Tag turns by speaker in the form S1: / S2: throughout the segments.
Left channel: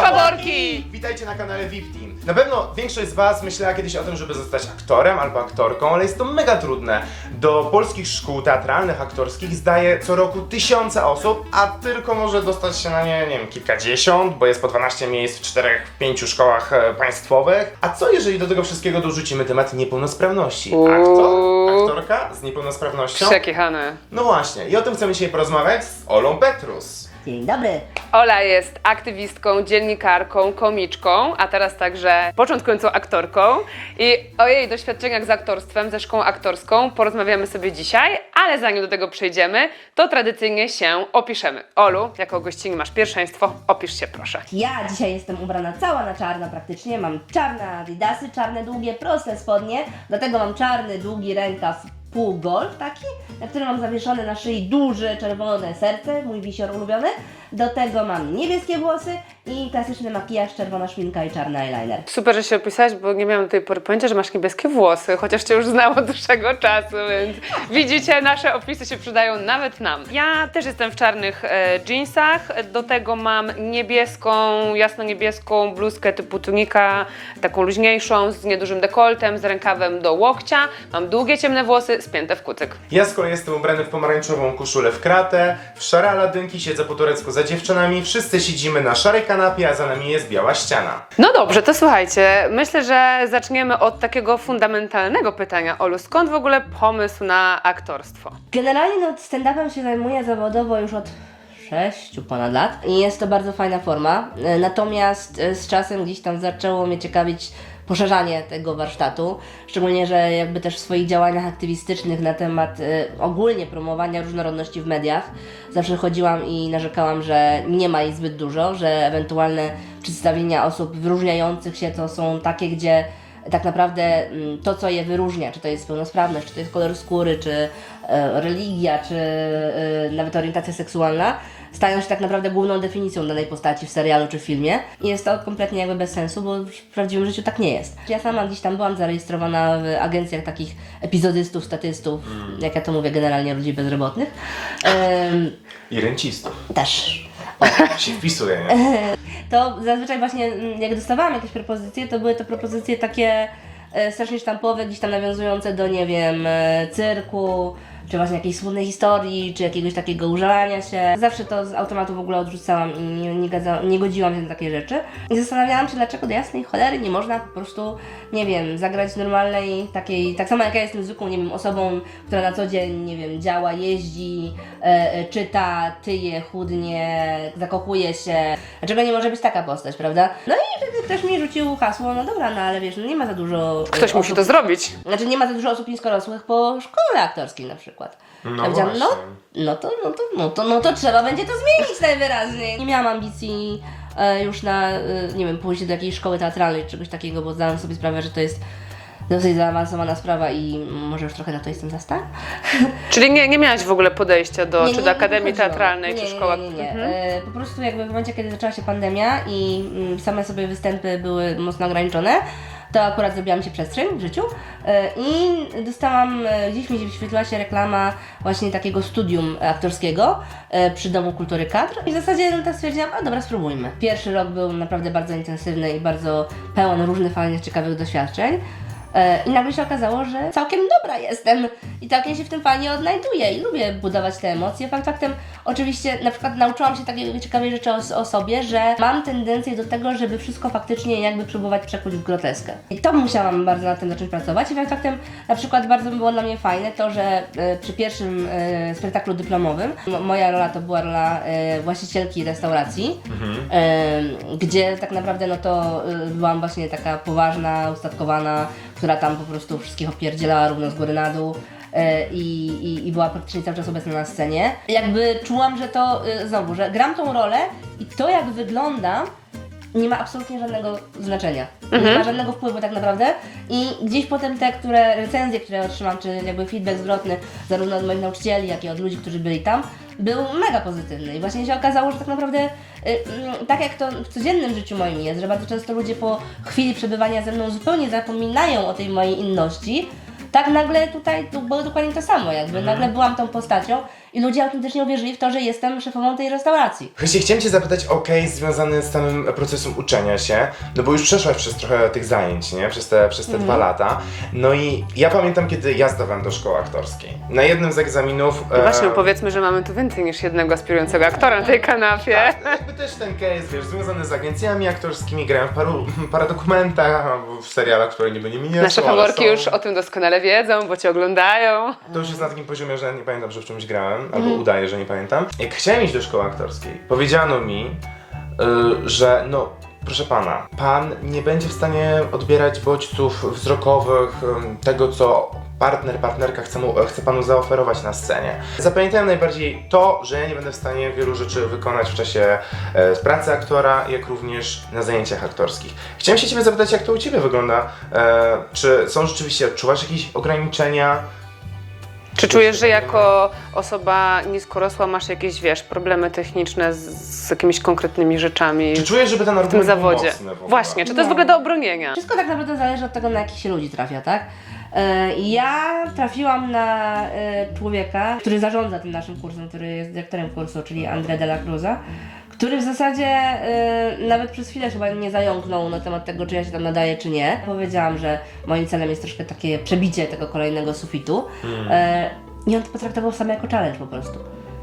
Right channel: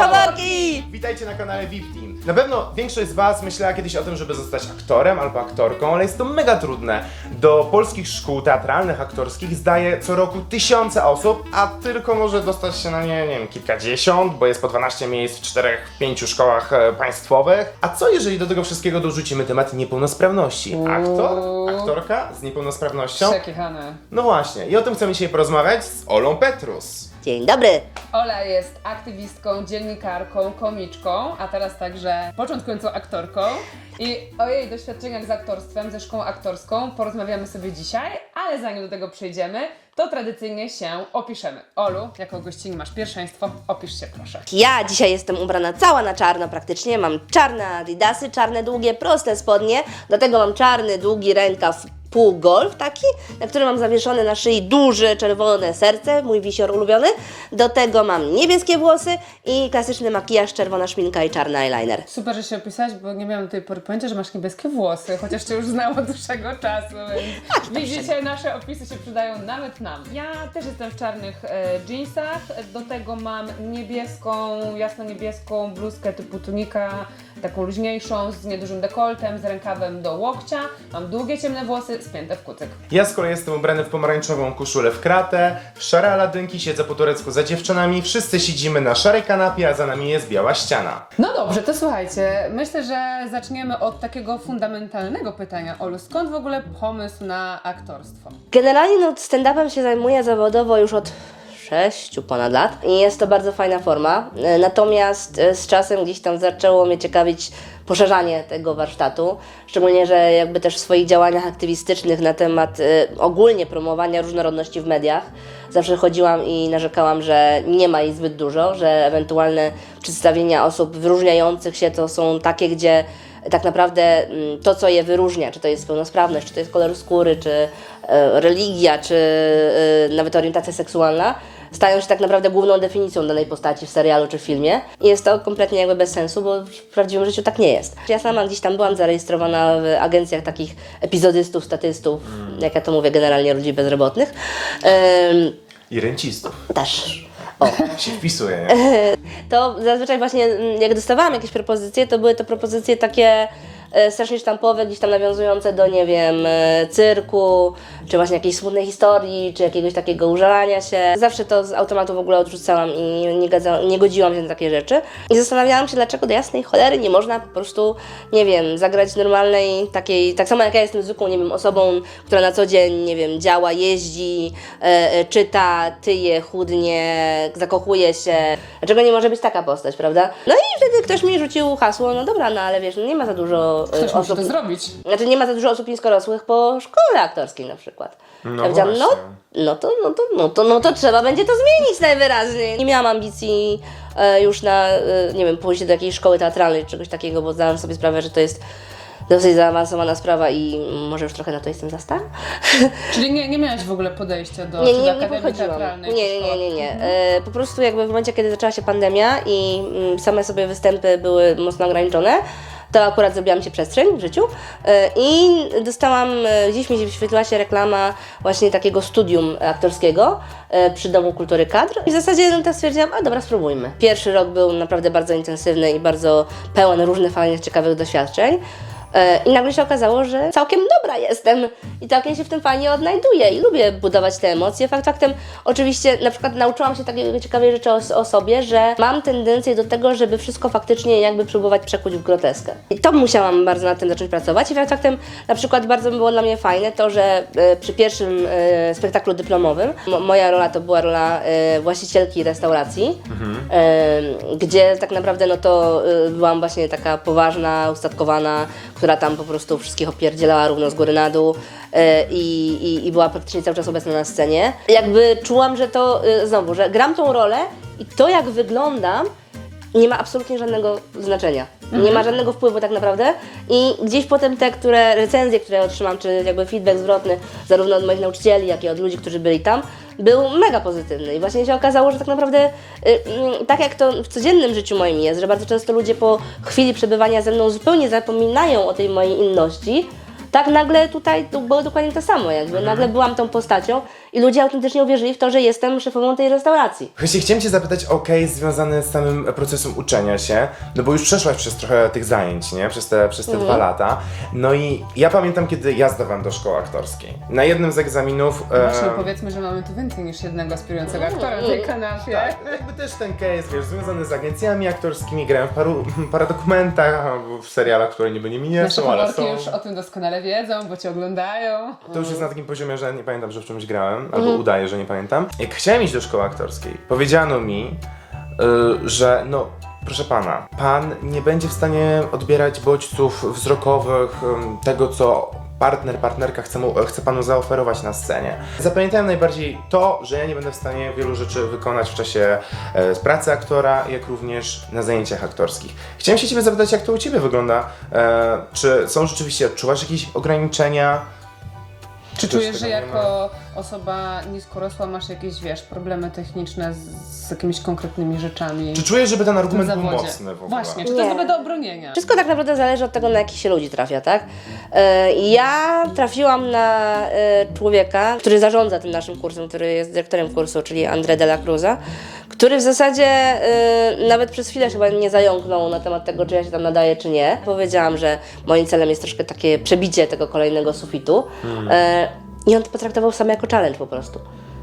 S1: faworki!
S2: Witajcie na kanale VIP Team. Na pewno większość z Was myślała kiedyś o tym, żeby zostać aktorem albo aktorką, ale jest to mega trudne. Do polskich szkół teatralnych, aktorskich zdaje co roku tysiące osób, a tylko może dostać się na nie, nie wiem, kilkadziesiąt, bo jest po 12 miejsc w czterech, pięciu szkołach e, państwowych. A co jeżeli do tego wszystkiego dorzucimy temat niepełnosprawności? Aktor, aktorka z niepełnosprawnością?
S1: Przekichane.
S2: No właśnie, i o tym chcemy dzisiaj porozmawiać z Olą Petrus.
S3: Dzień dobry.
S1: Ola jest aktywistką, dziennikarką, komiczką, a teraz także początkującą aktorką. I o jej doświadczeniach z aktorstwem, ze szkołą aktorską porozmawiamy sobie dzisiaj, ale zanim do tego przejdziemy, to tradycyjnie się opiszemy. Olu, jako gościni masz pierwszeństwo, opisz się proszę.
S3: Ja dzisiaj jestem ubrana cała na czarno praktycznie. Mam czarne adidasy, czarne długie, proste spodnie. Do tego mam czarny, długi rękaw pół golf taki, na którym mam zawieszone na szyi duże czerwone serce, mój wisior ulubiony. Do tego mam niebieskie włosy i klasyczny makijaż, czerwona szminka i czarny eyeliner.
S1: Super, że się opisałeś, bo nie miałam do tej pory pojęcia, że masz niebieskie włosy, chociaż Cię już znałam od dłuższego czasu, więc widzicie, nasze opisy się przydają nawet nam. Ja też jestem w czarnych e, jeansach, do tego mam niebieską, jasno-niebieską bluzkę typu tunika, taką luźniejszą, z niedużym dekoltem, z rękawem do łokcia, mam długie, ciemne włosy, spięte w kucyk.
S2: Ja z kolei jestem ubrany w pomarańczową koszulę w kratę, w szare aladynki, siedzę po turecku za dziewczynami, wszyscy siedzimy na szarej kanapie, a za nami jest biała ściana.
S1: No dobrze, to słuchajcie, myślę, że zaczniemy od takiego fundamentalnego pytania, Olu, skąd w ogóle pomysł na aktorstwo?
S3: Generalnie no, stand-upem się zajmuję zawodowo już od 6 ponad lat i jest to bardzo fajna forma. E, Natomiast e, z czasem gdzieś tam zaczęło mnie ciekawić poszerzanie tego warsztatu, szczególnie, że jakby też w swoich działaniach aktywistycznych na temat e, ogólnie promowania różnorodności w mediach zawsze chodziłam i narzekałam, że nie ma jej zbyt dużo, że ewentualne przedstawienia osób wyróżniających się to są takie, gdzie tak naprawdę mm, to, co je wyróżnia, czy to jest pełnosprawność, czy to jest kolor skóry, czy e, religia, czy e, nawet orientacja seksualna, stają się tak naprawdę główną definicją danej postaci w serialu czy filmie. I jest to kompletnie jakby bez sensu, bo w prawdziwym życiu tak nie jest. Ja sama gdzieś tam byłam zarejestrowana w agencjach takich epizodystów, statystów, jak ja to mówię, generalnie ludzi bezrobotnych.
S2: I rencistów.
S3: też.
S2: Się wpisuje.
S3: to zazwyczaj właśnie mm, jak dostawałam jakieś propozycje, to były to propozycje takie strasznie sztampowe, gdzieś tam nawiązujące do, nie wiem, e, cyrku, czy właśnie jakiejś smutnej historii, czy jakiegoś takiego użalania się. Zawsze to z automatu w ogóle odrzucałam i nie, gadza, nie godziłam się na takie rzeczy. I zastanawiałam się, dlaczego do jasnej cholery nie można po prostu, nie wiem, zagrać normalnej takiej, tak samo jak ja jestem zwykłą, nie wiem, osobą, która na co dzień, nie wiem, działa, jeździ, e, e, czyta, tyje, chudnie, zakochuje się. Dlaczego nie może być taka postać, prawda? No i wtedy ktoś mi rzucił hasło, no dobra, no ale wiesz, no nie ma za dużo e,
S1: Ktoś musi
S3: osób,
S1: to zrobić.
S3: znaczy nie ma za dużo osób niskorosłych po szkole aktorskiej na przykład.
S2: No
S3: ja powiedziałam, no,
S2: właśnie.
S3: no, to, no, to, no, to, no to trzeba będzie to zmienić najwyraźniej. Nie miałam ambicji e, już na, e, nie wiem, pójść do jakiejś szkoły teatralnej czy czegoś takiego, bo zdałam sobie sprawę, że to jest dosyć zaawansowana sprawa i może już trochę na to jestem za stara.
S1: Czyli nie, nie miałaś w ogóle podejścia do, czy do Akademii. Teatralnej,
S3: nie,
S1: czy szkoła?
S3: Nie, nie, nie. E, po prostu jakby w momencie, kiedy zaczęła się pandemia i mm, same sobie występy były mocno ograniczone, to akurat zrobiłam się przestrzeń w życiu e, i dostałam, e, gdzieś mi się wyświetliła się reklama właśnie takiego studium aktorskiego e, przy Domu Kultury Kadr i w zasadzie no, tak stwierdziłam, a dobra, spróbujmy. Pierwszy rok był naprawdę bardzo intensywny i bardzo pełen różnych fajnych, ciekawych doświadczeń. E, I nagle się okazało, że całkiem dobra jestem i całkiem się w tym fajnie odnajduję i lubię budować te emocje. Fakt faktem, oczywiście na przykład nauczyłam się takiej ciekawej rzeczy o, o sobie, że mam tendencję do tego, żeby wszystko faktycznie jakby próbować przekuć w groteskę. I to musiałam bardzo nad tym zacząć pracować i fakt faktem na przykład bardzo było dla mnie fajne to, że e, przy pierwszym e, spektaklu dyplomowym mo- moja rola to była rola e, właścicielki restauracji, e, gdzie tak naprawdę no to e, byłam właśnie taka poważna, ustatkowana, która tam po prostu wszystkich opierdzielała równo z góry na dół e, i, i, i była praktycznie cały czas obecna na scenie. Jakby czułam, że to e, znowu, że gram tą rolę i to jak wyglądam nie ma absolutnie żadnego znaczenia. Nie ma żadnego wpływu tak naprawdę i gdzieś potem te, które recenzje, które otrzymam, czy jakby feedback zwrotny zarówno od moich nauczycieli, jak i od ludzi, którzy byli tam, był mega pozytywny. I właśnie się okazało, że tak naprawdę y, y, tak jak to w codziennym życiu moim jest, że bardzo często ludzie po chwili przebywania ze mną zupełnie zapominają o tej mojej inności, tak nagle tutaj było dokładnie to samo, jakby nagle byłam tą postacią i ludzie autentycznie uwierzyli w to, że jestem szefową tej restauracji.
S2: Właśnie chciałem Cię zapytać o case związany z samym procesem uczenia się, no bo już przeszłaś przez trochę tych zajęć, nie? Przez te, przez te
S3: Mhm.
S2: dwa lata. No i ja pamiętam, kiedy ja zdawałem do szkoły aktorskiej. Na jednym z egzaminów...
S1: No Właśnie
S2: e,
S1: powiedzmy, że mamy tu więcej niż jednego aspirującego aktora na tej kanapie.
S2: Jakby też ten case, wiesz, związany z agencjami aktorskimi, grałem w paru, paru dokumentach, w serialach, które niby nie mnie
S1: Nasze faworki
S2: są.
S1: już o tym doskonale wiedzą, bo cię oglądają.
S2: To już jest na takim poziomie, że nie pamiętam, że w czymś grałem, albo udaję, że nie pamiętam. Jak chciałem iść do szkoły aktorskiej, powiedziano mi, y, że no, proszę pana, pan nie będzie w stanie odbierać bodźców wzrokowych, ym, tego co partner, partnerka chce, mu, chce panu zaoferować na scenie. Zapamiętałem najbardziej to, że ja nie będę w stanie wielu rzeczy wykonać w czasie e, pracy aktora, jak również na zajęciach aktorskich. Chciałem się ciebie zapytać, jak to u ciebie wygląda? E, czy są rzeczywiście, odczuwasz jakieś ograniczenia?
S1: Czy czujesz, że jako osoba niskorosła masz jakieś, wiesz, problemy techniczne z, z jakimiś konkretnymi rzeczami
S2: Czy czujesz, żeby ten
S1: w tym
S2: argument był
S1: zawodzie?
S2: mocny w ogóle?
S1: Właśnie, czy to
S3: Nie.
S1: jest w ogóle do obronienia?
S3: Wszystko tak naprawdę zależy od tego, na jakich się ludzi trafia, tak? E, Ja trafiłam na e, człowieka, który zarządza tym naszym kursem, który jest dyrektorem kursu, czyli André de la Cruza, który w zasadzie e, nawet przez chwilę chyba nie zająknął na temat tego, czy ja się tam nadaję, czy nie. Powiedziałam, że moim celem jest troszkę takie przebicie tego kolejnego sufitu. E, I on to potraktował sam jako challenge po prostu.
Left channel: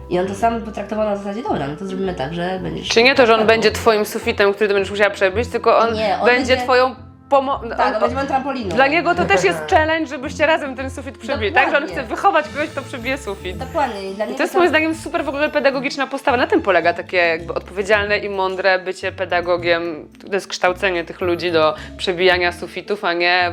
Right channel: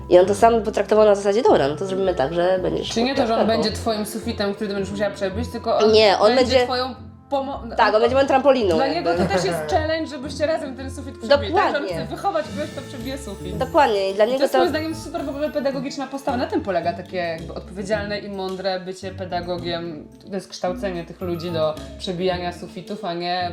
S3: I on to sam potraktował na zasadzie, dobra, no to zrobimy tak, że będziesz...
S1: Czy nie to, że on
S3: taką.
S1: będzie twoim sufitem, który ty będziesz musiała przebić, tylko on,
S3: Nie, on
S1: będzie,
S3: będzie-
S1: twoją pomocą.
S3: Tak, on będzie moją trampoliną.
S1: Dla niego to też jest challenge, żebyście razem ten sufit przebili, tak? Że on
S3: Dokładnie.
S1: chce wychować kogoś, kto przebije sufit.
S3: Dokładnie. I dla niego
S1: to jest moim zdaniem super w ogóle pedagogiczna postawa. Na tym polega takie jakby odpowiedzialne i mądre bycie pedagogiem. To jest kształcenie tych ludzi do przebijania sufitów, a nie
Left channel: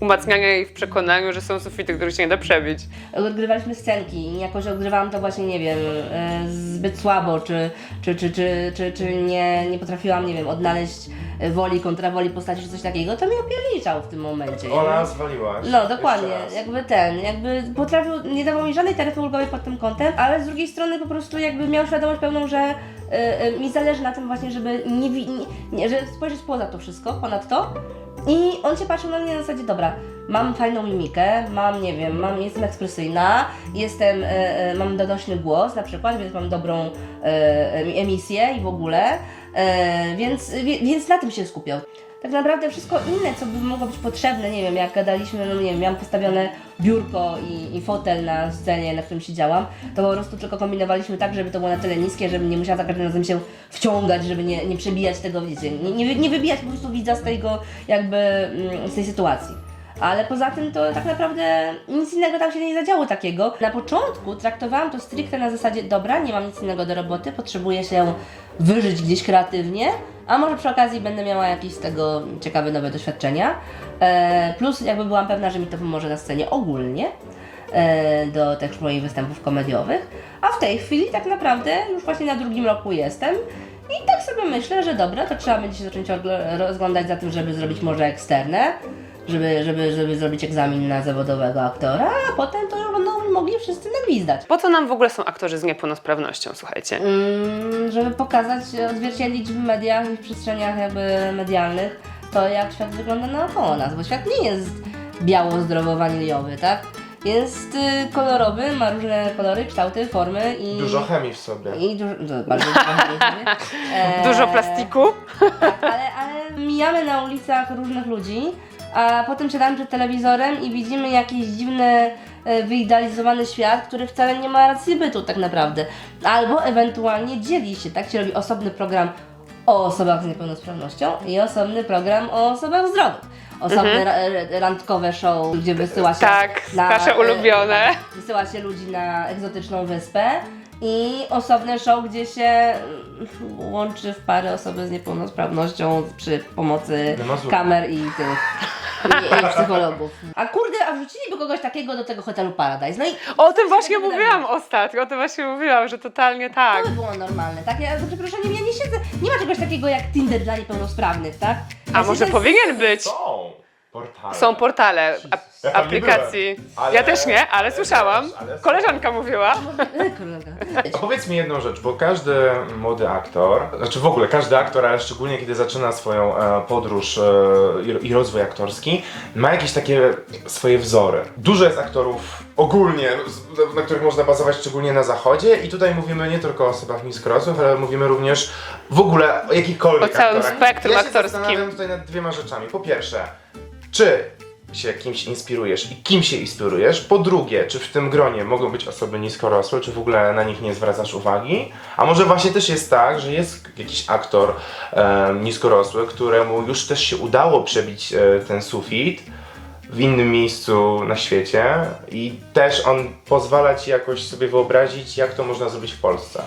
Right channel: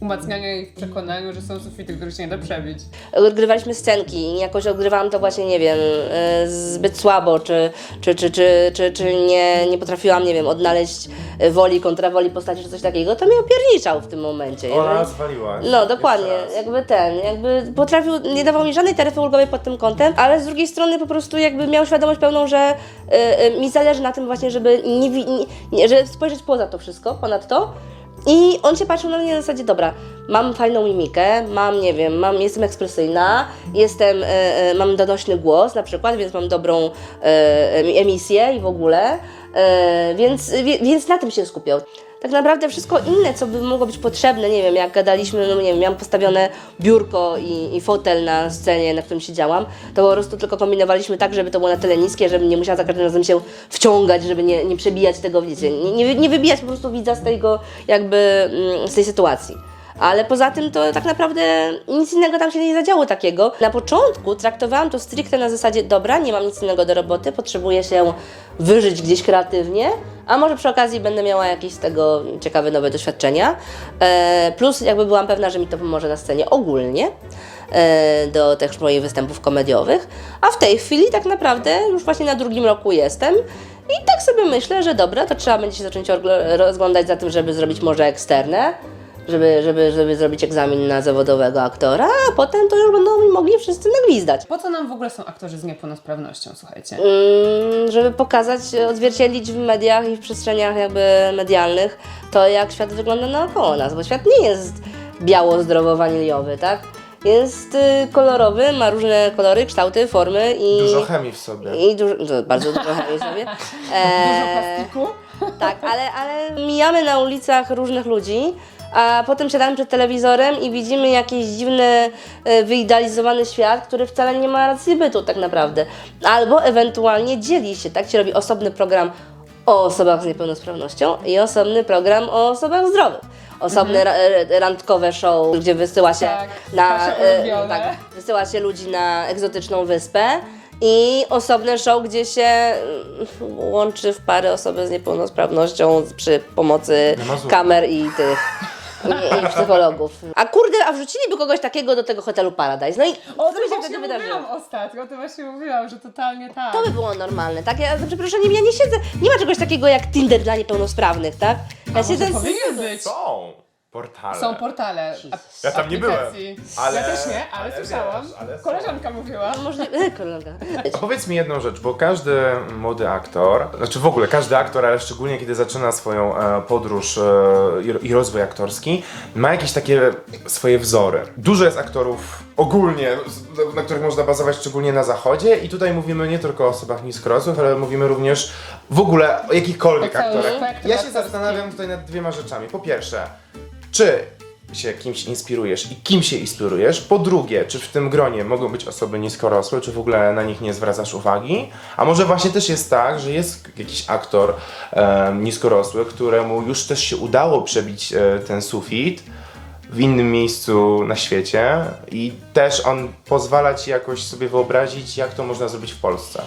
S1: umacniania ich w przekonaniu, że są sufity, których się nie da przebić.
S3: odgrywaliśmy scenki i jakoś odgrywałam to właśnie, nie wiem, e, zbyt słabo, czy, czy, czy, czy, czy, czy nie, nie potrafiłam, nie wiem, odnaleźć woli kontra woli postaci, czy coś takiego, to mnie opierniczał w tym momencie.
S2: Ona
S3: Jakby-
S2: zwaliła.
S3: No, dokładnie,
S2: Jeszcze raz.
S3: jakby ten, jakby potrafił, nie dawał mi żadnej taryfy ulgowej pod tym kątem, ale z drugiej strony po prostu jakby miał świadomość pełną, że e, e, mi zależy na tym właśnie, żeby nie, wi- nie, nie, żeby spojrzeć poza to wszystko, ponad to i on się patrzył na mnie na zasadzie, dobra, mam fajną mimikę, mam, nie wiem, mam, jestem ekspresyjna, jestem, e, e, mam donośny głos na przykład, więc mam dobrą e, emisję i w ogóle, więc, więc na tym się skupiał. Tak naprawdę wszystko inne, co by mogło być potrzebne, nie wiem, jak gadaliśmy, no nie wiem, miałam postawione biurko i, i fotel na scenie, na którym siedziałam, to po prostu tylko kombinowaliśmy tak, żeby to było na tyle niskie, żebym nie musiała za każdym razem się wciągać, żeby nie, nie przebijać tego, wiecie, nie, nie, nie wybijać po prostu widza z tego, jakby, mm, z tej sytuacji. Ale poza tym to tak naprawdę nic innego tam się nie zadziało takiego. Na początku traktowałam to stricte na zasadzie, dobra, nie mam nic innego do roboty, potrzebuję się wyżyć gdzieś kreatywnie, a może przy okazji będę miała jakieś z tego ciekawe nowe doświadczenia. E, plus jakby byłam pewna, że mi to pomoże na scenie ogólnie e, do tych moich występów komediowych. A w tej chwili tak naprawdę już właśnie na drugim roku jestem. I tak sobie myślę, że dobra, to trzeba będzie się zacząć rozglądać za tym, żeby zrobić może eksternę, żeby, żeby, żeby zrobić egzamin na zawodowego aktora, a potem to już będą mogli wszyscy nagwizdać.
S1: Po co nam w ogóle są aktorzy z niepełnosprawnością, słuchajcie?
S3: Mm, żeby pokazać, odzwierciedlić w mediach i w przestrzeniach jakby medialnych to, jak świat wygląda naokoło nas, bo świat nie jest biało-zdrowo-waniliowy, tak? Jest y, kolorowy, ma różne kolory, kształty, formy i...
S2: Dużo chemii w sobie.
S3: I dużo, to bardzo dużo chemii sobie. E,
S1: Dużo plastiku?
S3: tak, ale, ale mijamy na ulicach różnych ludzi, a potem siadamy przed telewizorem i widzimy jakiś dziwny, e, wyidealizowany świat, który wcale nie ma racji bytu tak naprawdę. Albo ewentualnie dzieli się, tak? Się robi osobny program o osobach z niepełnosprawnością i osobny program o osobach zdrowych. Osobne ra- e, randkowe show, gdzie wysyła się
S1: Tak,
S3: na,
S1: nasze
S3: e,
S1: ulubione.
S3: tak, wysyła się ludzi na egzotyczną wyspę i osobne show, gdzie się mm, łączy w pary osoby z niepełnosprawnością przy pomocy
S2: Nie ma złego.
S3: kamer i tych i, i psychologów. A kurde, a wrzuciliby kogoś takiego do tego hotelu Paradise. No i
S1: O tym właśnie mówiłam ostatnio, o tym właśnie mówiłam, że totalnie tak.
S3: To by było normalne, tak? Ja, za przeproszeniem, ja nie siedzę, nie ma czegoś takiego jak Tinder dla niepełnosprawnych, tak? Ja
S1: A może
S3: z-
S1: powinien być?
S2: Są. Portale.
S1: Są portale ap-
S2: Ja tam nie
S1: aplikacji.
S2: byłem, ale-
S1: Ja też nie, ale
S2: ale
S1: słyszałam.
S2: wiesz, ale.
S1: Koleżanka mówiła.
S3: Może kolega.
S2: A powiedz mi jedną rzecz, bo każdy młody aktor, znaczy w ogóle każdy aktor, ale szczególnie kiedy zaczyna swoją e, podróż e, i, i rozwój aktorski, ma jakieś takie swoje wzory. Dużo jest aktorów ogólnie, z- na których można bazować szczególnie na zachodzie i tutaj mówimy nie tylko o osobach niskorosłych, ale mówimy również w ogóle o jakichkolwiek
S1: O całym
S2: aktorach.
S1: spektrum
S2: ja się
S1: aktorskim.
S2: zastanawiam tutaj nad dwiema rzeczami. Po pierwsze, czy się kimś inspirujesz i kim się inspirujesz. Po drugie, czy w tym gronie mogą być osoby niskorosłe, czy w ogóle na nich nie zwracasz uwagi. A może właśnie też jest tak, że jest jakiś aktor e, niskorosły, któremu już też się udało przebić e, ten sufit w innym miejscu na świecie i też on pozwala ci jakoś sobie wyobrazić, jak to można zrobić w Polsce.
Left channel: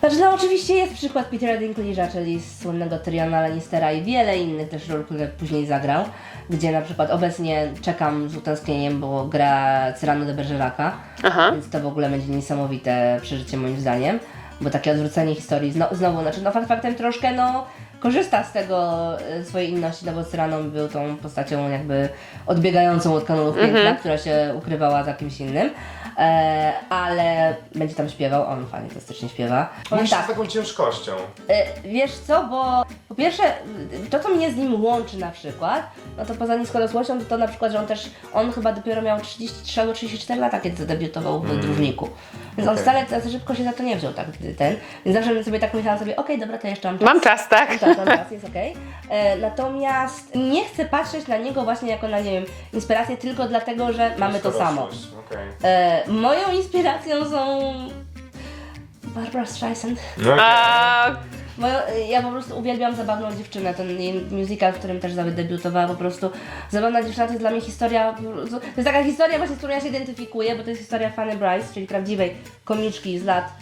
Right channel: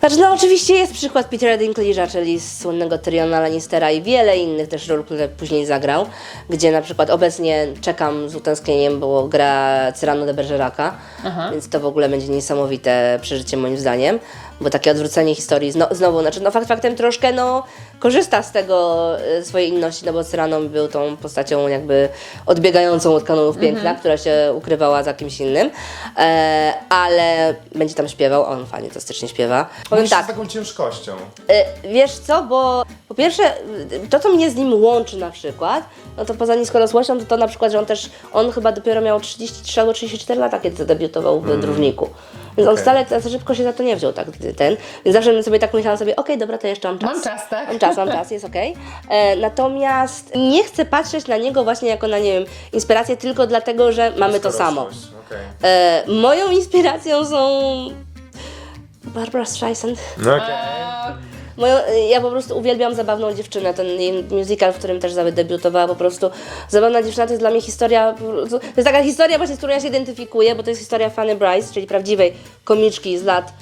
S3: Znaczy, no oczywiście jest przykład Petera Dinklage'a, czyli słynnego Tyriona Lannistera i wiele innych też ról, które później zagrał, gdzie na przykład obecnie czekam z utęsknieniem, bo gra Cyrano de Bergeraca,
S1: Aha.
S3: więc to w ogóle będzie niesamowite przeżycie moim zdaniem, bo takie odwrócenie historii zno, znowu, znaczy no fakt faktem troszkę no korzysta z tego e, swojej inności, no bo Cyrano był tą postacią jakby odbiegającą od kanonów piękna, która się ukrywała za kimś innym, e, ale będzie tam śpiewał, on fajnie to stycznie śpiewa. Powiem
S2: Mówisz
S3: tak,
S2: z taką ciężkością.
S3: E, Wiesz co, bo po pierwsze, y, to co mnie z nim łączy na przykład, no to poza niskorosłością, to to na przykład, że on też, on chyba dopiero miał 33 albo 34 lata, kiedy debiutował w Dróżniku. Więc on wcale tak szybko się za to nie wziął, tak, ten. Więc zawsze sobie tak myślałam sobie, okej, dobra, to jeszcze mam czas.
S1: Mam czas, tak?
S3: Mam czas, mam czas, jest okej. E, Natomiast nie chcę patrzeć na niego właśnie jako na, nie wiem, inspirację tylko dlatego, że mamy to samo.
S2: Niskorosłość, okej.
S3: E, moją inspiracją są Barbara Streisand.
S2: No okej.
S1: A,
S3: ja po prostu uwielbiam Zabawną Dziewczynę, ten musical, w którym też zadebiutowała po prostu. Zabawna Dziewczyna to jest dla mnie historia, to jest taka historia właśnie, z którą ja się identyfikuję, bo to jest historia Fanny Bryce, czyli prawdziwej komiczki z lat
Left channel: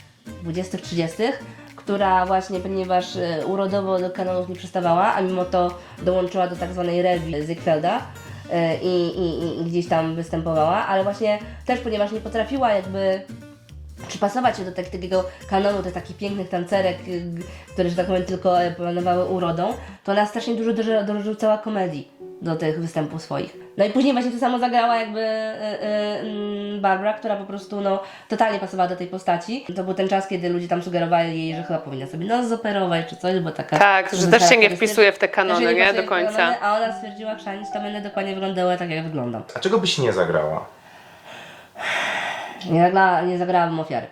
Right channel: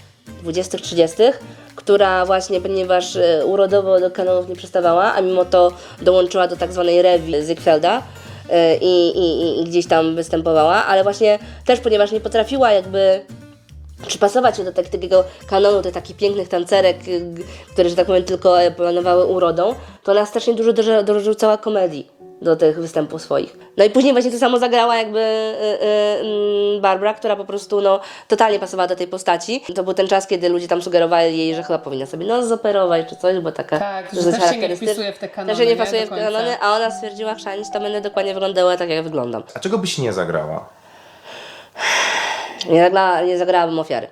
S3: 20-30, która właśnie, ponieważ e, urodowo do kanonów nie przystawała, a mimo to dołączyła do tak zwanej rewi Ziegfelda, i, i, i- i gdzieś tam występowała, ale właśnie też ponieważ nie potrafiła jakby przypasować się do tak, takiego kanonu tych takich pięknych tancerek, y, które, że tak powiem, tylko e, planowały urodą, to ona strasznie dużo dorzucała komedii do tych występów swoich. No i później właśnie to samo zagrała jakby y, y, mm, Barbara, która po prostu no, totalnie pasowała do tej postaci. To był ten czas, kiedy ludzie tam sugerowali jej, że chyba powinna sobie nos zoperować czy coś, bo taka...
S1: Tak, że
S3: że
S1: też się nie wpisuje w te kanony, nie?
S3: pasuje
S1: Do końca.
S3: Kanony, a ona stwierdziła, chrzanić, to będę dokładnie wyglądała tak, jak wyglądam.
S2: A czego byś nie zagrała?
S3: Nie, zagra, nie zagrałabym ofiary.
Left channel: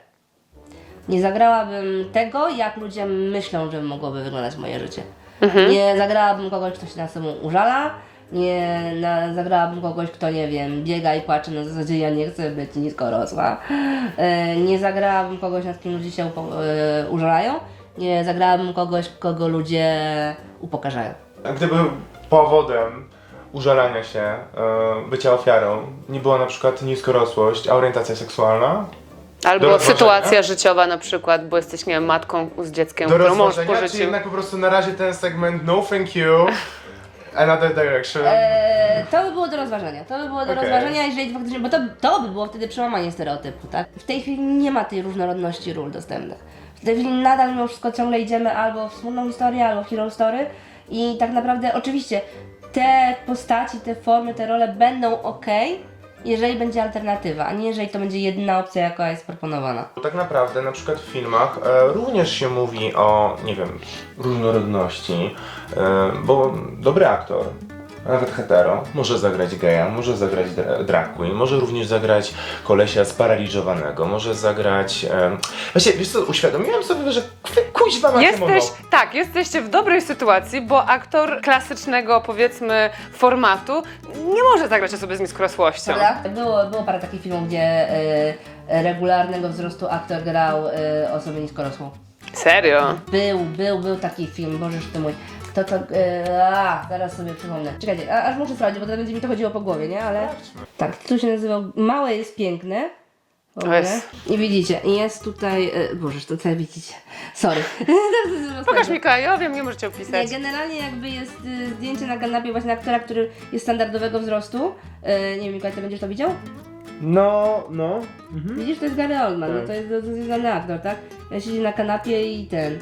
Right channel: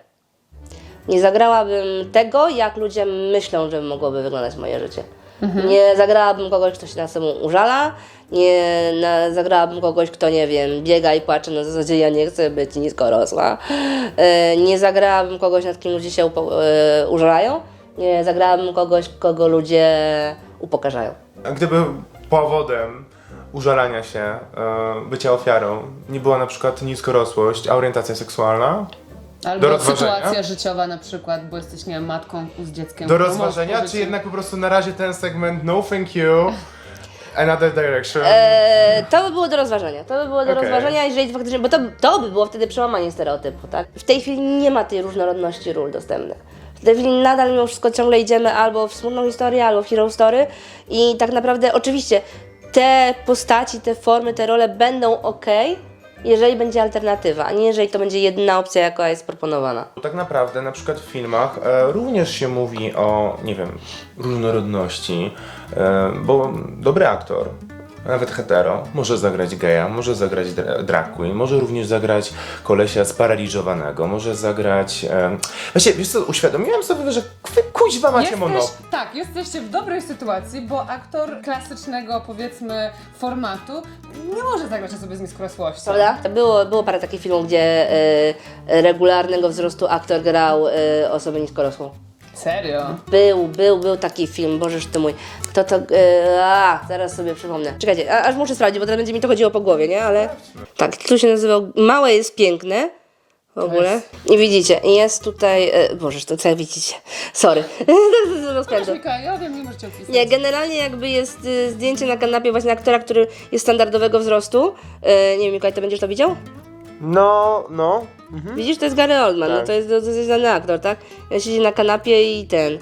S3: Nie zagrałabym tego, jak ludzie myślą, że mogłoby wyglądać moje życie. Nie zagrałabym kogoś, kto się na sobą użala. Nie na, zagrałabym kogoś, kto nie wiem, biega i płacze na zasadzie ja nie chcę być niskorosła. E, nie zagrałabym kogoś, nad kim ludzie się upo, e, użalają. Nie zagrałabym kogoś, kogo ludzie upokarzają.
S2: A Gdyby powodem użalania się, e, bycia ofiarą, nie była na przykład niskorosłość, a orientacja seksualna,
S1: Albo sytuacja życiowa na przykład, bo jesteś, nie wiem, matką z dzieckiem,
S2: do
S1: mąż
S2: rozważenia, czy jednak po prostu na razie ten segment no thank you, another direction?
S3: E, to by było do rozważenia. To by było do
S2: Okej.
S3: rozważenia, jeżeli faktycznie, bo to, to by było wtedy przełamanie stereotypu, tak? W tej chwili nie ma tej różnorodności ról dostępnych. W tej chwili nadal mimo wszystko ciągle idziemy albo w smutną historię, albo w hero story i tak naprawdę oczywiście te postaci, te formy, te role będą ok, jeżeli będzie alternatywa, a nie jeżeli to będzie jedyna opcja, jaka jest proponowana.
S2: Tak naprawdę na przykład w filmach e, również się mówi o, nie wiem, różnorodności, e, bo dobry aktor, a nawet hetero, może zagrać geja, może zagrać dra- drag queen, może również zagrać kolesia sparaliżowanego, może zagrać... E, właśnie, wiesz co, uświadomiłem sobie, że wy kuźwa macie
S1: Jesteś,
S2: monopol.
S1: tak, jesteście w dobrej sytuacji, bo aktor klasycznego, powiedzmy, formatu nie może zagrać osoby z niskorosłością.
S3: Prawda? Było, było parę takich filmów, gdzie e, regularnego wzrostu aktor grał e, osobę niskorosłą.
S1: Serio?
S3: Był, był, był taki film, bożeż ty mój. Kto to. E, a, zaraz sobie przypomnę. Czekajcie, a, aż muszę sprawdzić, bo teraz będzie mi to chodziło po głowie, nie? Ale. Tak, tu się nazywał Małe jest piękne. W ogóle.
S1: jest-
S3: I widzicie, jest tutaj. E, bożeż, to co widzicie. Sorry.
S1: Pokaż Mikołaj, ja wiem, nie możecie opisać.
S3: Nie, generalnie jakby jest y, zdjęcie na kanapie właśnie aktora, który jest standardowego wzrostu. E, nie wiem, Mikołaj, ty będziesz to widział?
S2: No, no.
S3: Widzisz, to jest Gary Oldman, no
S2: Tak.
S3: to jest znany aktor, tak? Ja siedzi na kanapie i ten.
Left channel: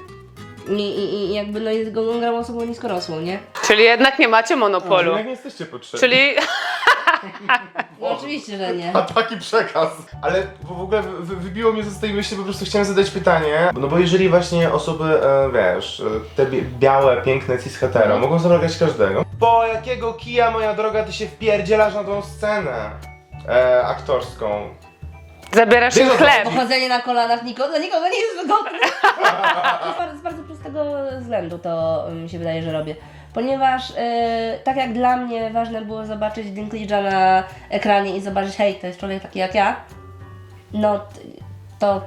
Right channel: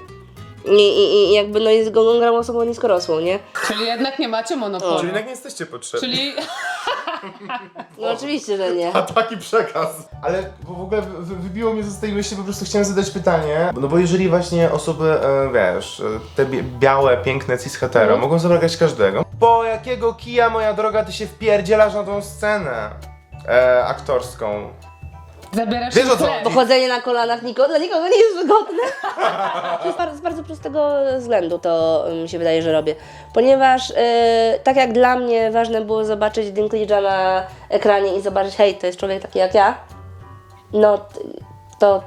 S3: I, i, i jakby no jest go grał osobą niskorosłą, nie?
S1: Czyli jednak nie macie
S2: Czyli
S1: monopolu.
S2: jednak nie jesteście potrzebni.
S1: Czyli
S3: No oczywiście, że nie.
S2: A taki przekaz. Ale w w ogóle wy- wybiło mnie z tej myśli, po prostu chciałem zadać pytanie. No bo jeżeli właśnie osoby, e, wiesz, e, te bie- białe, piękne cis hetero mogą zabrać każdego. Po jakiego kija, moja droga, ty się wpierdzielasz na tą scenę e, aktorską?
S1: zabierasz
S2: Wiesz,
S1: im
S2: o co
S1: chleb.
S2: chodzi?
S3: Pochodzenie na kolanach nikogo, dla nikogo nie jest wygodne. z, bardzo, z bardzo prostego względu to mi się wydaje, że robię. Ponieważ e, tak jak dla mnie ważne było zobaczyć Dinklage'a na ekranie i zobaczyć, hej, to jest człowiek taki jak ja, no t- to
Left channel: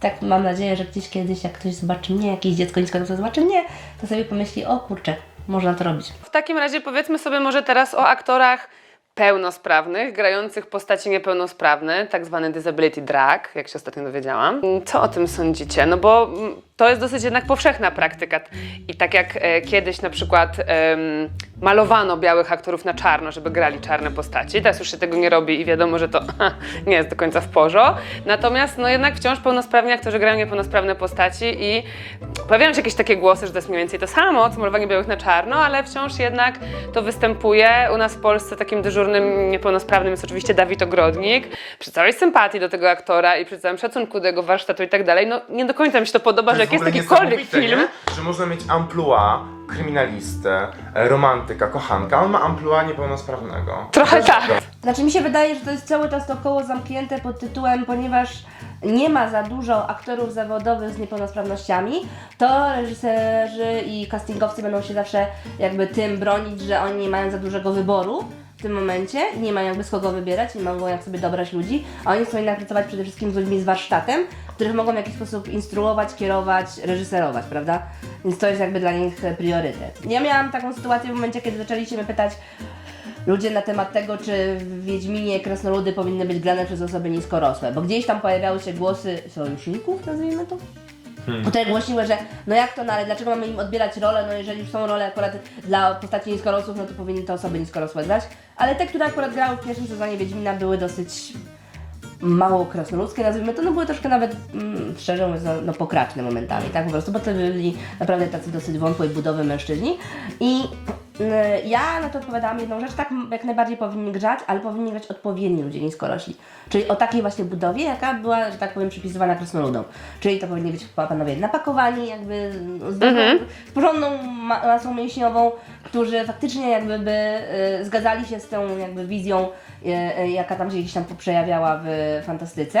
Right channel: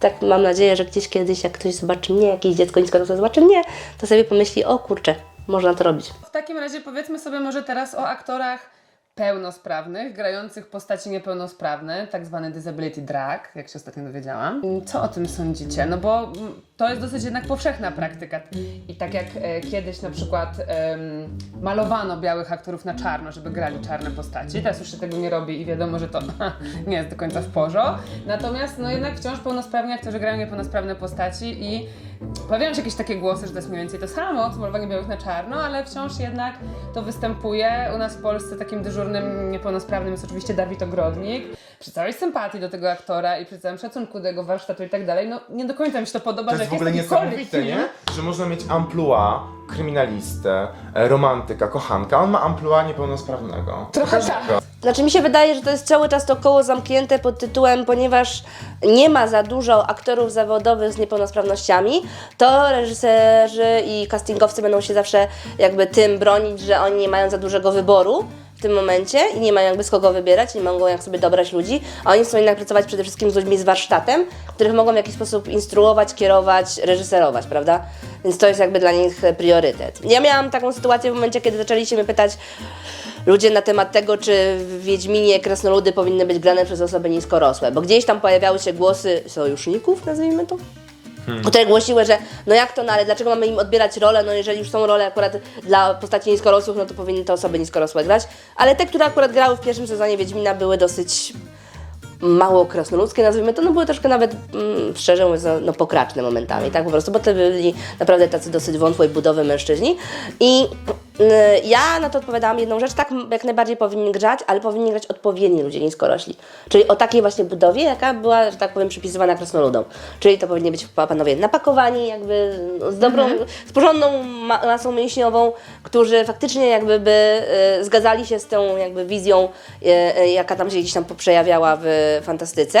S3: tak mam nadzieję, że gdzieś kiedyś jak ktoś zobaczy mnie, jakieś dziecko niskorosłe zobaczy mnie, to sobie pomyśli, o kurczę, można to robić.
S1: W takim razie powiedzmy sobie może teraz o aktorach pełnosprawnych, grających postaci niepełnosprawne, tak zwany disability drag, jak się ostatnio dowiedziałam. Co o tym sądzicie? No bo mm, to jest dosyć jednak powszechna praktyka. I tak jak e, kiedyś na przykład em, malowano białych aktorów na czarno, żeby grali czarne postaci, teraz już się tego nie robi i wiadomo, że to nie jest do końca w porządku. Natomiast no jednak wciąż pełnosprawni aktorzy grają niepełnosprawne postaci i pojawiają się jakieś takie głosy, że to jest mniej więcej to samo, co malowanie białych na czarno, ale wciąż jednak to występuje. U nas w Polsce takim dyżurnym niepełnosprawnym jest oczywiście Dawid Ogrodnik. Przy całej sympatii do tego aktora i przy całym szacunku do jego warsztatu i tak dalej, no nie do końca mi się to podoba, że jak jest jakikolwiek film,
S2: nie? Że można mieć amplua kryminalistę, e, romantyka, kochanka, a on ma amplua niepełnosprawnego.
S1: Trochę tak.
S3: Znaczy mi się wydaje, że to jest cały czas to koło zamknięte pod tytułem, ponieważ nie ma za dużo aktorów zawodowych z niepełnosprawnościami, to reżyserzy i castingowcy będą się zawsze jakby tym bronić, że oni nie mają za dużego wyboru w tym momencie i nie mają jakby z kogo wybierać, nie mogą jak sobie dobrać ludzi, a oni chcą jednak pracować przede wszystkim z ludźmi z warsztatem, których mogą w jakiś sposób instruować, kierować, reżyserować, prawda? Więc to jest jakby dla nich priorytet. Ja miałam taką sytuację w momencie, kiedy zaczęli się mnie pytać ludzie na temat tego, czy w Wiedźminie krasnoludy powinny być grane przez osoby niskorosłe, bo gdzieś tam pojawiały się głosy sojuszników, nazwijmy to, które głosiły, że no jak to, no ale dlaczego mamy im odbierać rolę, no jeżeli już są role akurat dla postaci niskorosłych, no to powinny te osoby niskorosłe grać, ale te, które akurat grały w pierwszym sezonie Wiedźmina były dosyć mało krasnoludzkie, nazwijmy to, no były troszkę nawet, mm, szczerze mówiąc, no, no pokraczne momentami, tak po prostu, bo to byli naprawdę tacy dosyć wątłej budowy mężczyźni. I ja na to odpowiadałam jedną rzecz, tak jak najbardziej powinni grać, ale powinni grać odpowiedni ludzie niskorośli, czyli o takiej właśnie budowie, jaka była, że tak powiem, przypisywana krasnoludom, czyli to powinni być panowie napakowani, jakby no, z dobrą, z porządną ma- masą mięśniową, którzy faktycznie jakby by y, zgadzali się z tą jakby wizją, y, y, jaka tam się gdzieś tam przejawiała w fantastyce.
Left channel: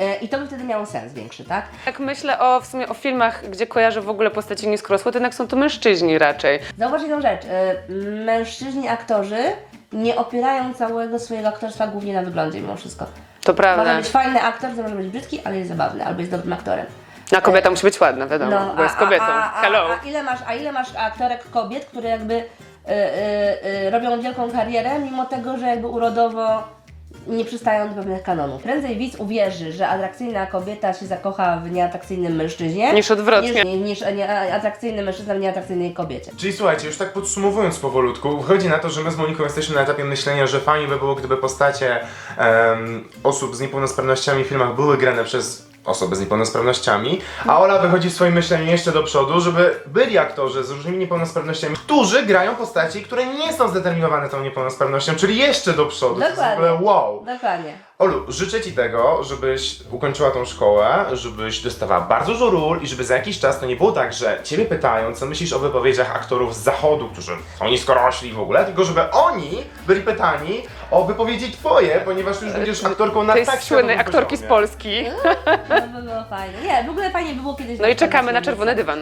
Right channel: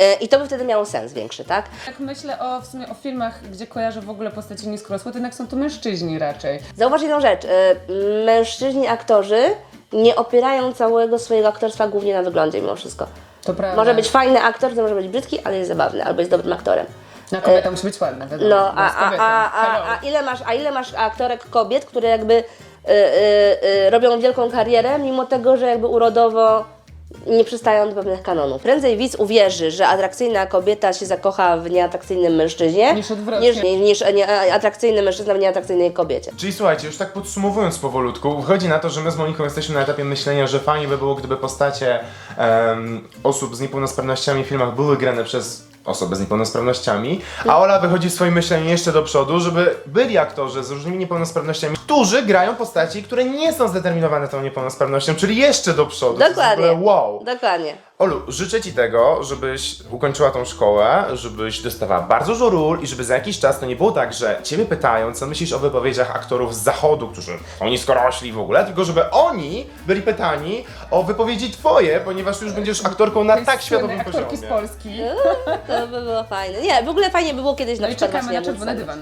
S3: Y, I to by wtedy miało sens większy, tak?
S1: Jak myślę o, w sumie o filmach, gdzie kojarzę w ogóle postaci niskorosłe, to jednak są to mężczyźni raczej.
S3: Zauważ jedną rzecz. y, Mężczyźni aktorzy nie opierają całego swojego aktorstwa głównie na wyglądzie mimo wszystko.
S1: To prawda.
S3: Może być fajny aktor, to może być brzydki, ale jest zabawny, albo jest dobrym aktorem.
S1: Na kobieta musi być ładna, wiadomo,
S3: No,
S1: bo jest kobietą.
S3: a,
S1: Hello.
S3: a, a, ile masz, a ile masz aktorek kobiet, które jakby y, y, y, robią wielką karierę, mimo tego, że jakby urodowo nie przystają do pewnych kanonów. Prędzej widz uwierzy, że atrakcyjna kobieta się zakocha w nieatrakcyjnym mężczyźnie,
S1: Niż odwrotnie.
S3: niż, niż nie, atrakcyjny mężczyzna w nieatrakcyjnej kobiecie.
S2: Czyli słuchajcie, już tak podsumowując powolutku, wychodzi na to, że my z Moniką jesteśmy na etapie myślenia, że fajnie by było, gdyby postacie em, osób z niepełnosprawnościami w filmach były grane przez osoby z niepełnosprawnościami, a Ola wychodzi w swoim myśleniu jeszcze do przodu, żeby byli aktorzy z różnymi niepełnosprawnościami, którzy grają postaci, które nie są zdeterminowane tą niepełnosprawnością, czyli jeszcze do przodu. To jest w
S3: Dokładnie.
S2: ogóle wow.
S3: Dokładnie.
S2: Olu, życzę Ci tego, żebyś ukończyła tą szkołę, żebyś dostawała bardzo dużo ról i żeby za jakiś czas to nie było tak, że Ciebie pytają, co myślisz o wypowiedziach aktorów z zachodu, którzy są niskorośli w ogóle, tylko żeby oni byli pytani o wypowiedzi Twoje, ponieważ Ty już będziesz aktorką na
S1: Tej
S2: tak
S1: słynnej
S2: światowym
S1: aktorki z
S2: poziomie.
S1: Polski.
S3: To by było fajne. Nie, w ogóle fajnie by było kiedyś
S1: No i
S3: przykład
S1: czekamy na
S3: właśnie
S1: czerwony dywan.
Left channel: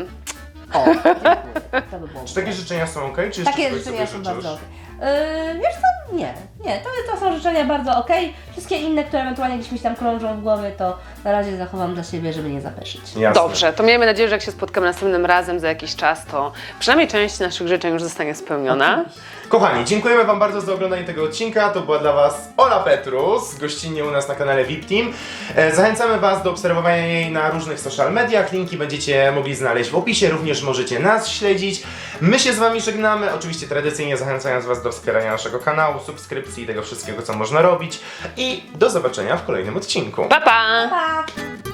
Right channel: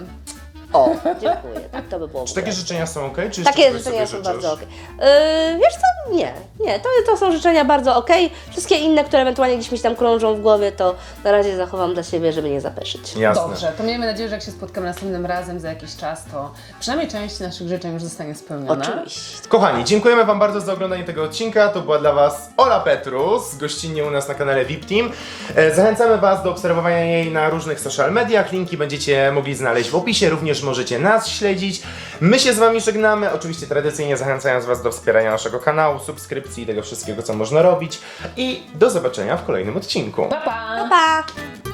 S3: O, dziękuję. To by było
S2: Czy takie życzenia są ok? Czy jeszcze
S3: Takie
S2: czegoś
S3: życzenia
S2: sobie
S3: są
S2: życzysz?
S3: bardzo okej. Yy, wiesz co? Nie, nie, to, to są życzenia bardzo okej. Wszystkie inne, które ewentualnie gdzieś mi się tam krążą w głowie, to na razie zachowam dla siebie, żeby nie zapeszyć.
S2: Jasne.
S1: Dobrze, to miejmy nadzieję, że jak się spotkamy następnym razem za jakiś czas, to przynajmniej część naszych życzeń już zostanie spełniona.
S3: Oczywiście.
S2: Kochani, dziękujemy Wam bardzo za oglądanie tego odcinka. To była dla Was Ola Petrus, gościnnie u nas na kanale VIP Team. E, Zachęcamy Was do obserwowania jej na różnych social mediach. Linki będziecie mogli znaleźć w opisie. Również możecie nas śledzić. My się z Wami żegnamy. Oczywiście tradycyjnie zachęcając Was do wspierania naszego kanału, subskrypcji i tego wszystkiego, co można robić. I do zobaczenia w kolejnym odcinku.
S1: Pa, pa!
S3: Pa!